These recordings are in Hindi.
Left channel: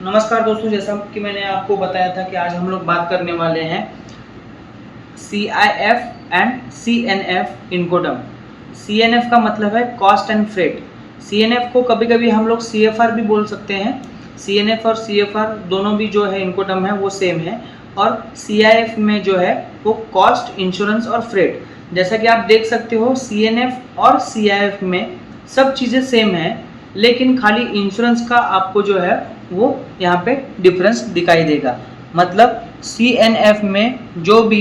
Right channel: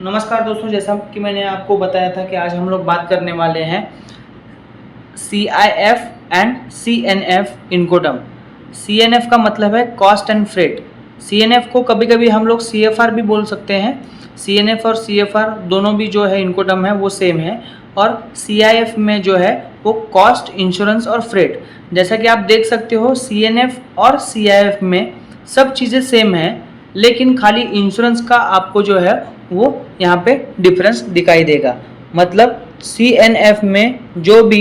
नमस्कार दोस्तों, जैसा कि मैंने आपको बताया था कि आज हम लोग बात करने वाले हैं CIF एंड CNF इनकोटर्म। CNF का मतलब है कॉस्ट एंड फ्रेट। CNF को कभी कभी हम लोग CFR भी बोल सकते हैं। CNF और CFR दोनों भी जो है इनकोटर्म है वो सेम है। और CIF में जो है वो कॉस्ट, इंश्योरेंस और फ्रेट। जैसा कि आप देख सकते हो CNF और CIF में सब चीज़ें सेम है, लेकिन खाली इंश्योरेंस का आपको जो है वो यहाँ पे डिफरेंस दिखाई देगा। मतलब CNF में जो भी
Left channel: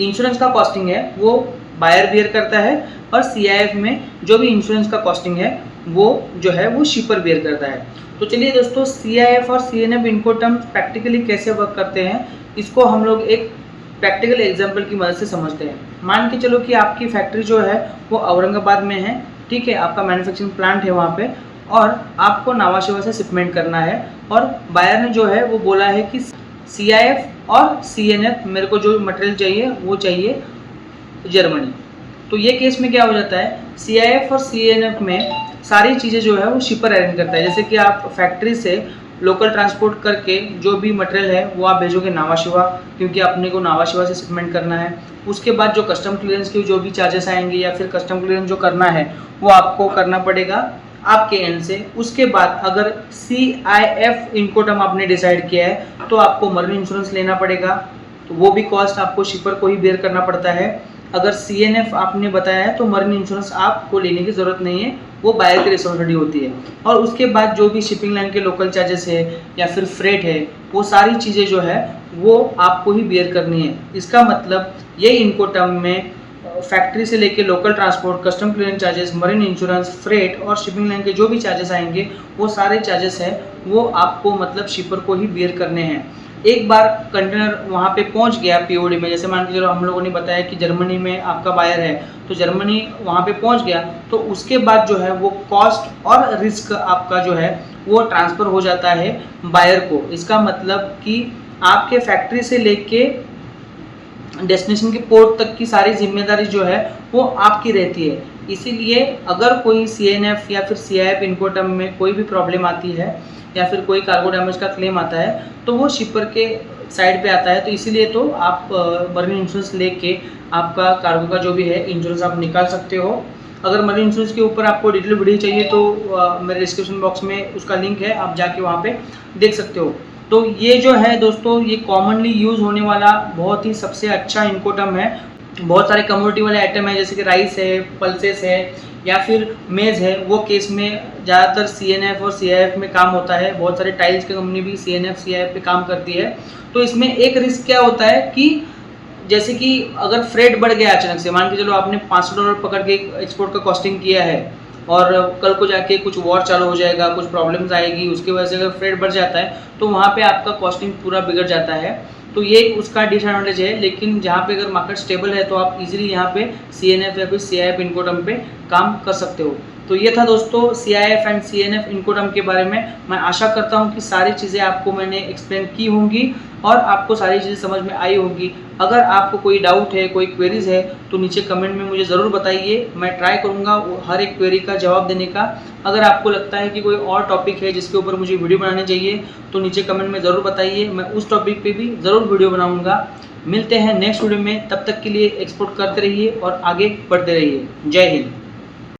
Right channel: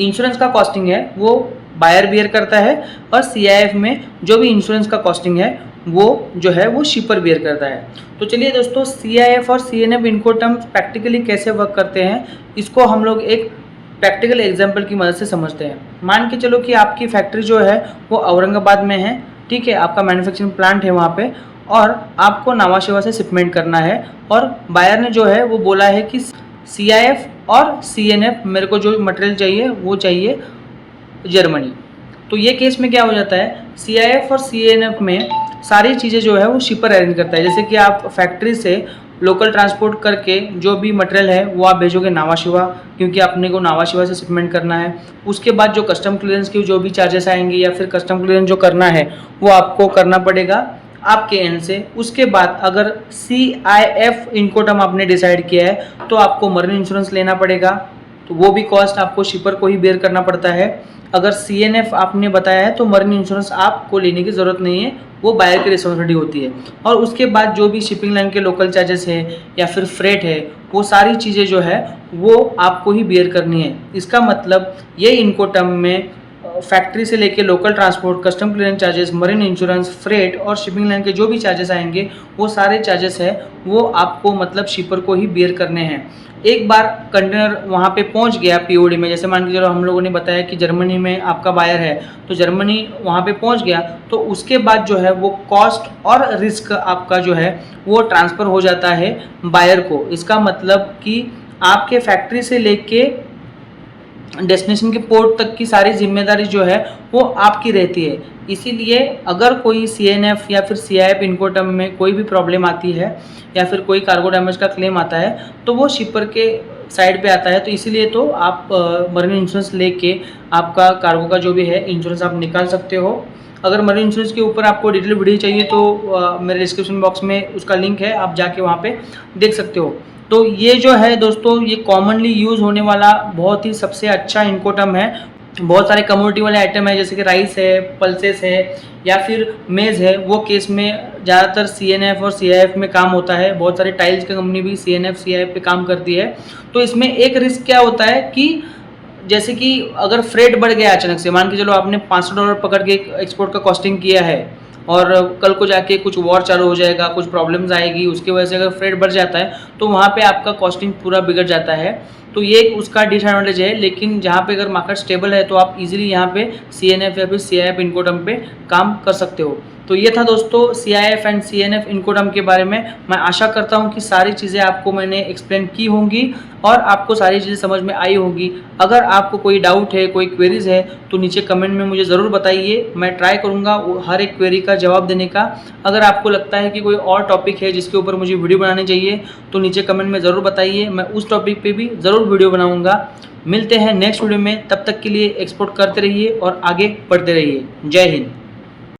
इंश्योरेंस का कॉस्टिंग है वो बायर बियर करता है, और CIF में जो भी इंश्योरेंस का कॉस्टिंग है वो जो है वो शिपर बियर करता है। तो चलिए दोस्तों, CIF और CNF इनकोटर्म्स प्रैक्टिकली कैसे वर्क करते हैं इसको हम लोग एक प्रैक्टिकल एग्जाम्पल की मदद से समझते हैं। मान के चलो कि आपकी फैक्ट्री जो है वो औरंगाबाद में है, ठीक है, आपका मैन्युफैक्चरिंग प्लांट है वहाँ पे, और आपको नावा शिवा से शिपमेंट करना है। और बायर ने जो है वो बोला है कि CIF और CNF मेरे को जो मटेरियल चाहिए वो चाहिए जर्मनी। तो ये केस में क्या हो जाता है, CIF और CNF में सारी चीज़ें जो है वो शिपर अरेंज करता है। जैसे कि आप फैक्ट्री से लोकल ट्रांसपोर्ट करके जो भी मटेरियल है वो आप भेजोगे नावा शिवा, क्योंकि अपने को नावा शिवा से शिपमेंट करना है। उसके बाद जो कस्टम क्लियरेंस की जो भी चार्जेस आएंगे या फिर कस्टम क्लियरेंस जो करना है वो आपको करना पड़ेगा आपके एंड से। उसके बाद अगर CIF इनकोटर्म आपने डिसाइड किया है तो आपको मरीन इंश्योरेंस लेना पड़ेगा, तो वो भी कॉस्ट आपको शिपर को ही बेयर करना पड़ता है। अगर CNF आपने बताया है तो मरीन इंश्योरेंस आपको लेने की ज़रूरत नहीं है, वो बायर की रिस्पॉन्सिबिलिटी होती है। और उसके बाद जो भी शिपिंग लाइन के लोकल चार्जेस है या फिर फ्रेट है, वो सारी चीज़ें जो है वो आपको ही बेयर करनी है। इसका मतलब ये इनकोटर्म में फैक्ट्री से लेके local transport, custom clearance charges, marine insurance, freight और शिपिंग लाइन के जो भी चार्जेस आएंगे वो सारे चार्जेस है वो आपको मतलब शिपर को ही बेयर करने हैं। एक बार कंटेनर वहाँ पे पहुँच गया POD में, जैसे मान के चलो हम लोगों ने बताया कि जर्मनी में आपका बायर है, तो जर्मनी वहाँ पे पहुँच गया, तो उसके बाद जो है वो कॉस्ट और रिस्क आपका जो है वो ट्रांसफ़र हो जाता है बायर को। इसका मतलब कि आपके फैक्ट्री से लेके डेस्टिनेशन के पोर्ट तक की सारी जिम्मेदारी जो है वो आपकी रहती है। इसीलिए अगर कोई CNF या फिर CIF इनकोटर्म में कोई भी प्रॉब्लम आती है या फिर कोई कार्गो डैमेज का क्लेम आता है तो वो शिपर के साइड पे आता है। तो इसीलिए तो आप मरीन इंश्योरेंस लेके आपका कार्गो का जो भी है इंश्योरेंस आप निकाल सकते हो। अगर मरीन इंश्योरेंस के ऊपर आपको डिटेल वीडियो चाहिए तो मेरे डिस्क्रिप्शन बॉक्स में उसका लिंक है, आप जाके वहाँ पे देख सकते हो। तो ये जो है दोस्तों, ये कॉमनली यूज़ होने वाला बहुत ही सबसे अच्छा इनकोटर्म है। बहुत सारे कमोडिटी वाले आइटम है जैसे कि राइस है, पल्सेस है या फिर मेज़ है, वो केस में ज़्यादातर CNF और CIF में काम होता है। बहुत सारे टाइल्स की कंपनी भी CNF CIF पे काम करती है। तो इसमें एक रिस्क क्या होता है कि जैसे कि अगर फ्रेट बढ़ गया अचानक से, मान के चलो आपने $500 पकड़ के एक्सपोर्ट का कॉस्टिंग किया है और कल को जाके कुछ वॉर चालू हो जाएगा, कुछ प्रॉब्लम्स आएगी, उसकी वजह से अगर फ्रेट बढ़ जाता है तो वहाँ पे आपका कॉस्टिंग पूरा बिगड़ जाता है। तो ये उसका डिसएडवांटेज है। लेकिन जहाँ पे अगर मार्केट स्टेबल है तो आप इजीली यहाँ पे CNF या फिर CIF इनकोटर्म पे काम कर सकते हो। तो ये था दोस्तों CIF एंड CNF इनकोटर्म के बारे में। मैं आशा करता हूँ कि सारी चीज़ें आपको मैंने एक्सप्लेन की होंगी और आपको सारी चीज़ें समझ में आई होगी। अगर आपको कोई डाउट है, कोई क्वेरीज है तो नीचे कमेंट में मुझे ज़रूर बताइए। मैं ट्राई करूँगा हर एक क्वेरी का जवाब देने का। अगर आपको लगता है कि कोई और टॉपिक है जिसके ऊपर मुझे वीडियो बनानी चाहिए तो नीचे कमेंट में ज़रूर बताइए, मैं उस टॉपिक पे भी ज़रूर वीडियो बनाऊँगा। मिलते हैं नेक्स्ट वीडियो में, तब तक के लिए एक्सपोर्ट करते रहिए और आगे बढ़ते रहिए। जय हिंद।